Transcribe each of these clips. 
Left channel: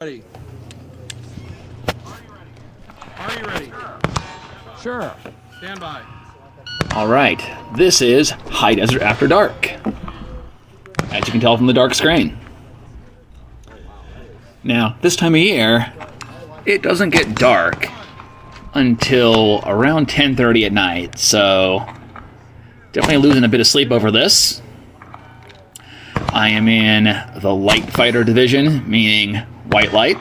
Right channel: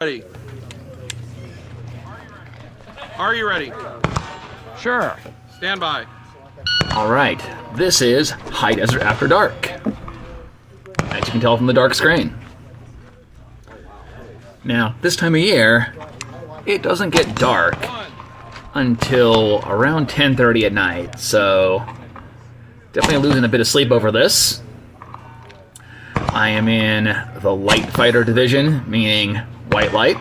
Ready. Are you ready? Sure. Stand by. All right, this is High Desert After Dark, as you can tell from the dark screen. Now, this time of year, it doesn't get dark until around 10:30 at night, so definitely losing a bit of sleep over this. I am in the light fighter division, meaning white light.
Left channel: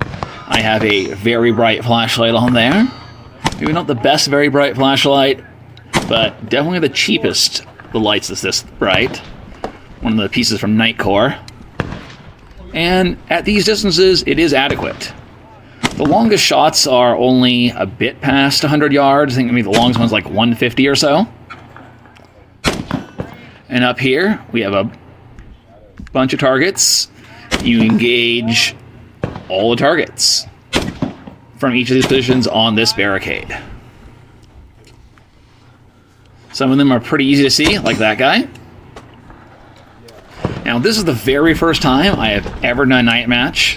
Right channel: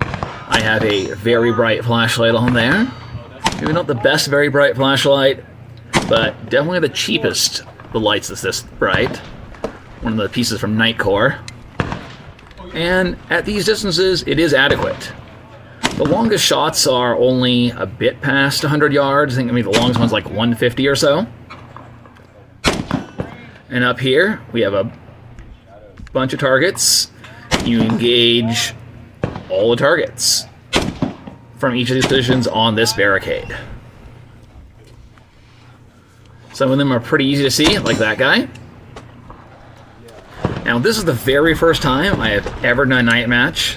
I have a very bright flashlight on there. Maybe not the best very bright flashlight, but definitely the cheapest the lights that's this bright. One of the pieces from Nightcore. And at these distances, it is adequate. The longest shots are only a bit past 100 yards. I think maybe the longest one's like 150 or so. And up here, we have a bunch of targets. You engage all the targets from each of these positions on this barricade. Some of them are pretty easy to see, like that guy. Now, this is the very first time I have ever done a night match.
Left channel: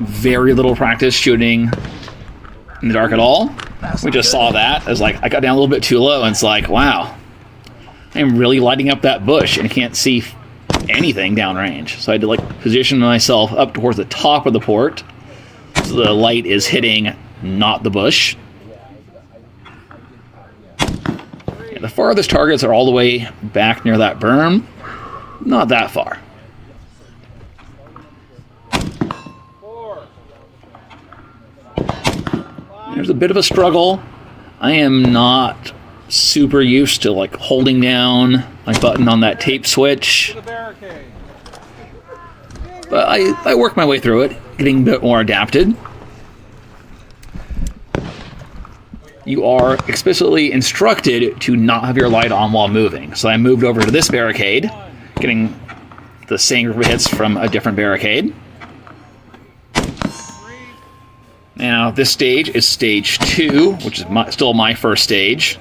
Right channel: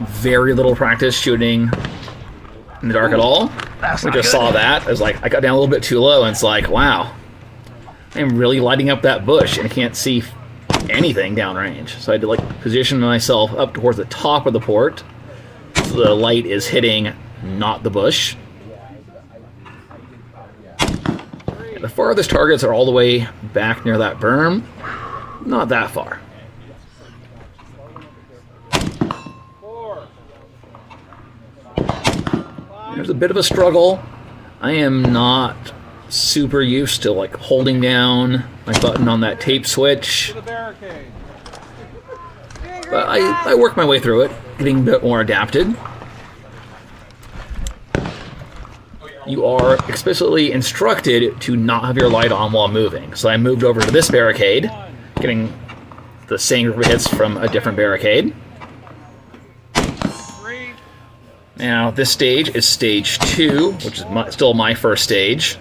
Very little practice shooting in the dark at all. We just saw that. I was like, I got down a little bit too low, and it's like, wow, I'm really lighting up that bush and can't see anything downrange. So I had to position myself up towards the top of the port, so the light is hitting not the bush. The farthest targets are all the way back near that berm. Not that far. There's a bit of a struggle. I am not super used to holding down my button on that tape switch. But I work my way through it, getting a bit more adapted. You are explicitly instructed to not have your light on while moving. So I moved over to this barricade, getting the same group of hits from a different barricade. Now, this stage is stage 2, which is still my first stage.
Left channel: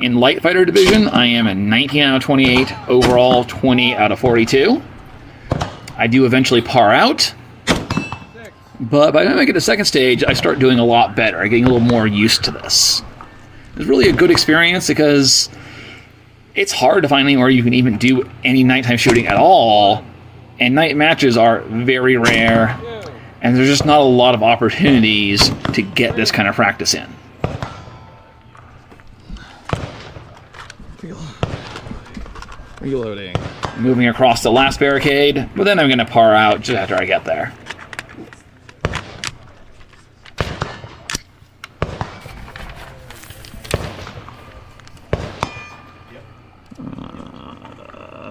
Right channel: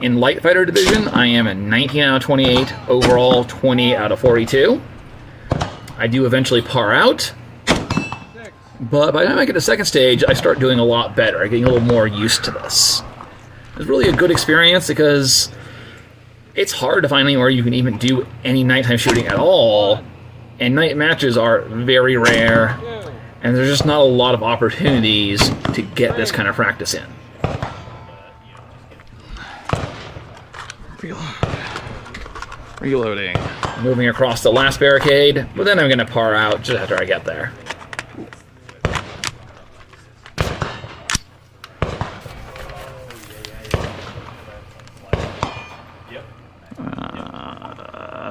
In Light Fighter Division, I am a 19 out of 28, overall 20 out of 42. I do eventually par out, but by the time I get to second stage, I start doing a lot better. I'm getting a little more used to this. It's really a good experience because it's hard to find anywhere you can even do any nighttime shooting at all, and night matches are very rare, and there's just not a lot of opportunities to get this kind of practice in. Reloading. Moving across the last barricade, but then I'm going to par out just after I get there.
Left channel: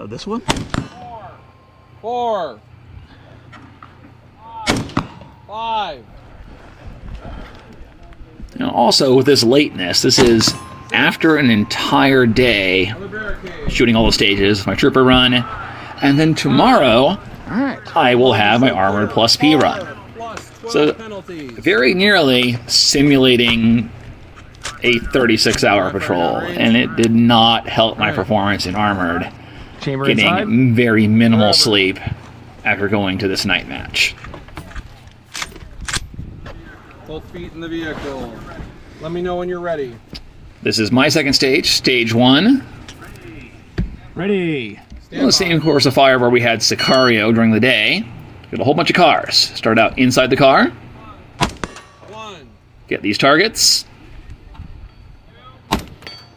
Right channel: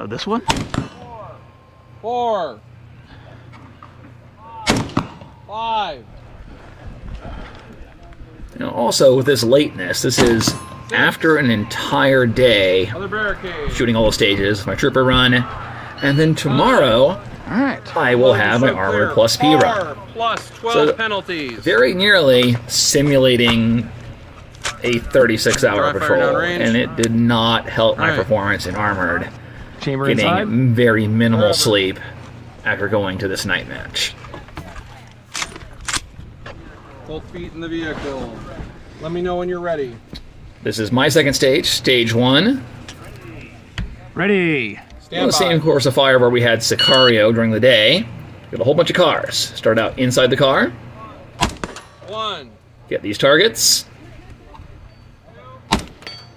This one? 4, 5. Now, also, with this lateness, this is after an entire day shooting all the stages, my trooper run, and then tomorrow I will have my Armored Plus P run. So very nearly simulating a 36-hour patrol, and it did not help my performance in Armored. Chamber Getting inside. very minimal sleep after going to this night match. Both feet in the vehicle. Let me know when you're ready. This is my second stage, stage 1. Ready. The same course of fire where we had Sicario during the day. Got a whole bunch of cars. Start out inside the car. 1, Get these targets.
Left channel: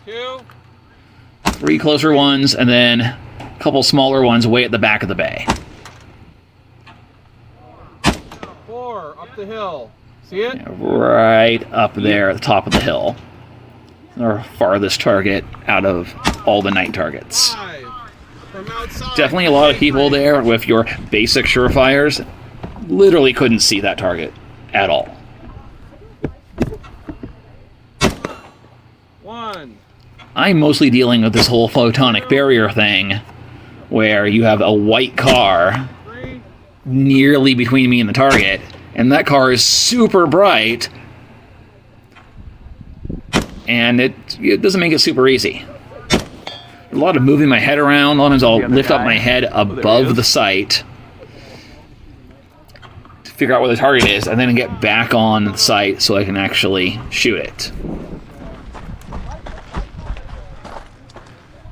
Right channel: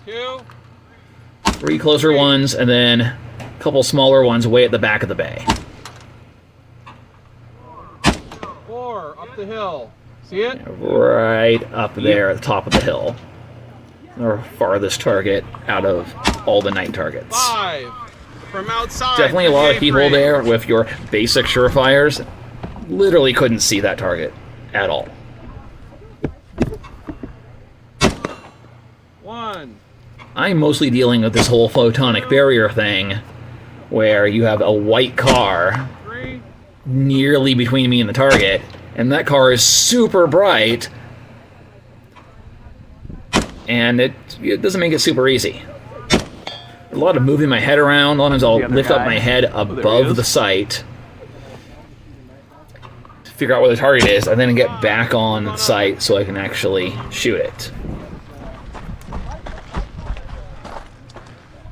2, 3 closer ones, and then a couple smaller ones way at the back of the bay. 4, up the hill. See it? Right up there at the top of the hill. Our farthest target out of all the night targets. 5, from outside. Definitely a lot of people there with your basic surefires literally couldn't see that target at all. 1. I'm mostly dealing with this whole photonic barrier thing where you have a white car 3, nearly between me and the target, and that car is super bright, and it doesn't make it super easy. A lot of moving my head around. Sometimes I'll lift up my head above the sight figure out where the target is, and then get back on site so I can actually shoot it.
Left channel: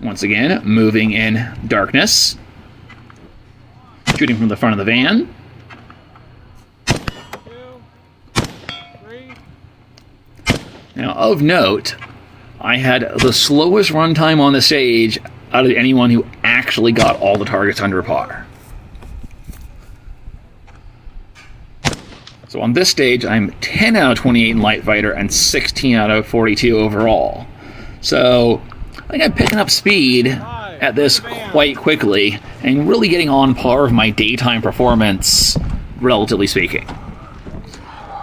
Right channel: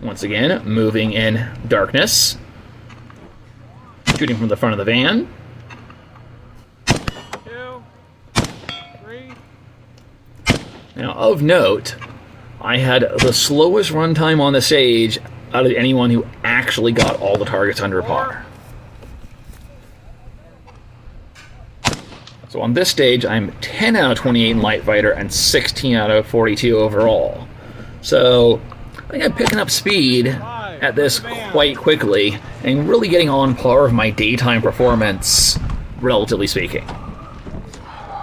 Once again, moving in darkness. Shooting from the front of the van. 2, 3. Now, of note, I had the slowest runtime on the stage out of anyone who actually got all the targets under par. So on this stage, I'm 10 out of 28 in Light Fighter and 16 out of 42 overall. So I think I'm picking up speed at this quite quickly and really getting on par with my daytime performance, relatively speaking.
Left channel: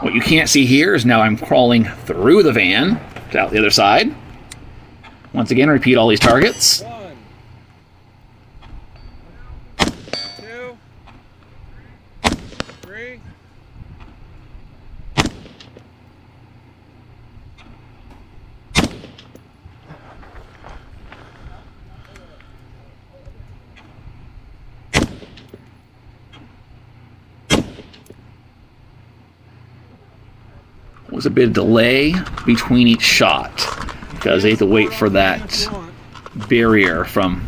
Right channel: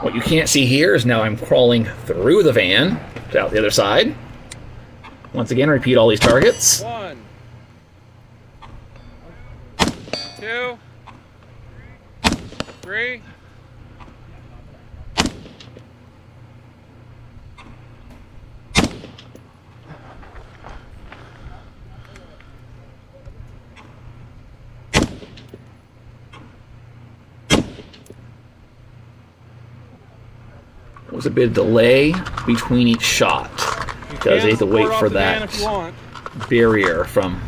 What you can't see here is now I'm crawling through the van to out the other side. Once again, repeat all these targets. 1, 2, 3. Was a bit of delay between each shot because they had to wait for that barrier from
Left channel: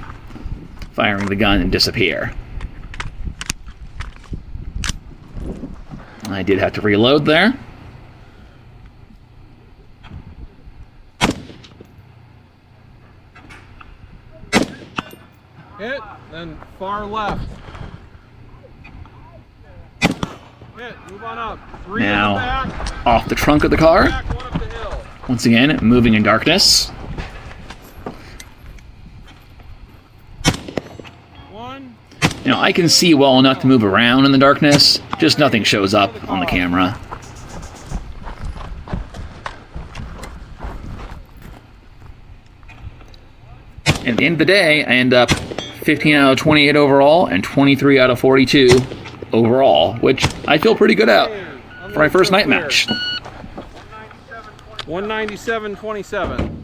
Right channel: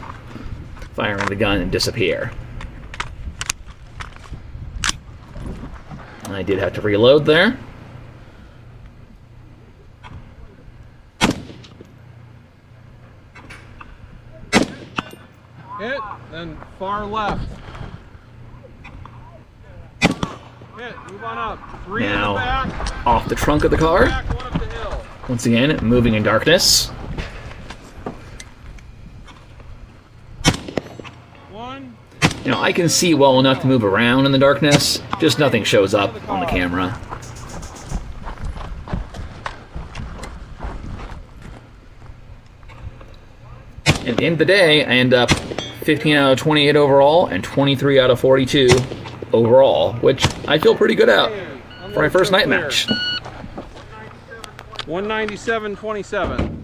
firing the gun and disappear. I did have to reload there. Hit, then far left. Hit, move on up. 3 in the Now, back. off the trunk of the car. Back, 1 up the hill. Once again, moving in darkness. 1. Now, I can see well enough to move around in the darkness, just nothing shows up on the camera. And at the end of the day, I end up 15 out of 28 overall and 23 out of 42 overall, which I feel pretty good at for my first night match. 197.27.